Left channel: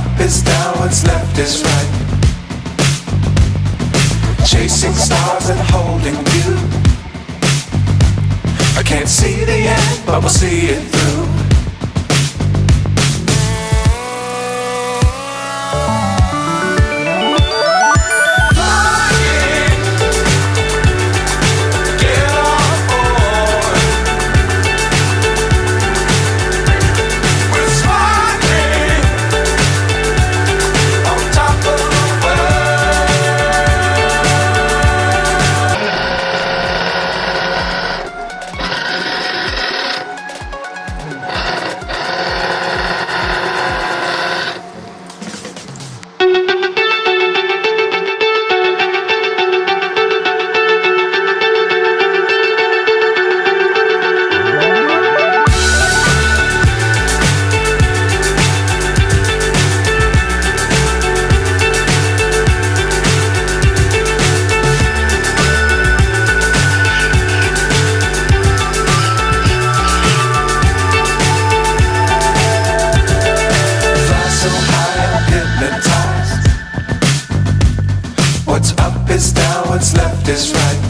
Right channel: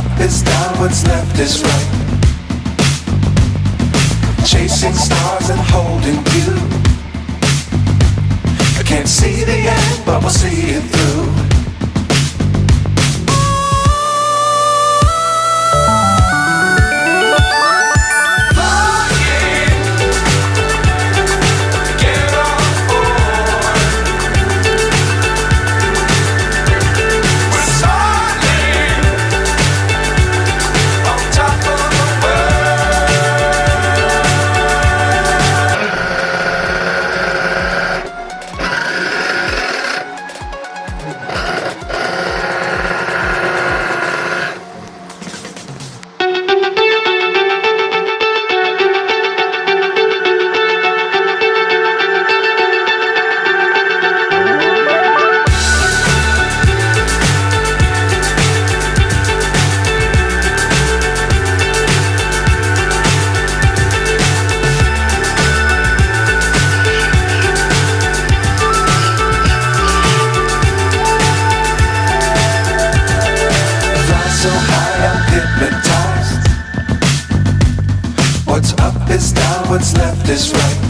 up is down, what's left is right. Chasing stars and holding you. I can't see the end, but we'll see it through. So high I'm hypnotized. What's up is down, what's left is right.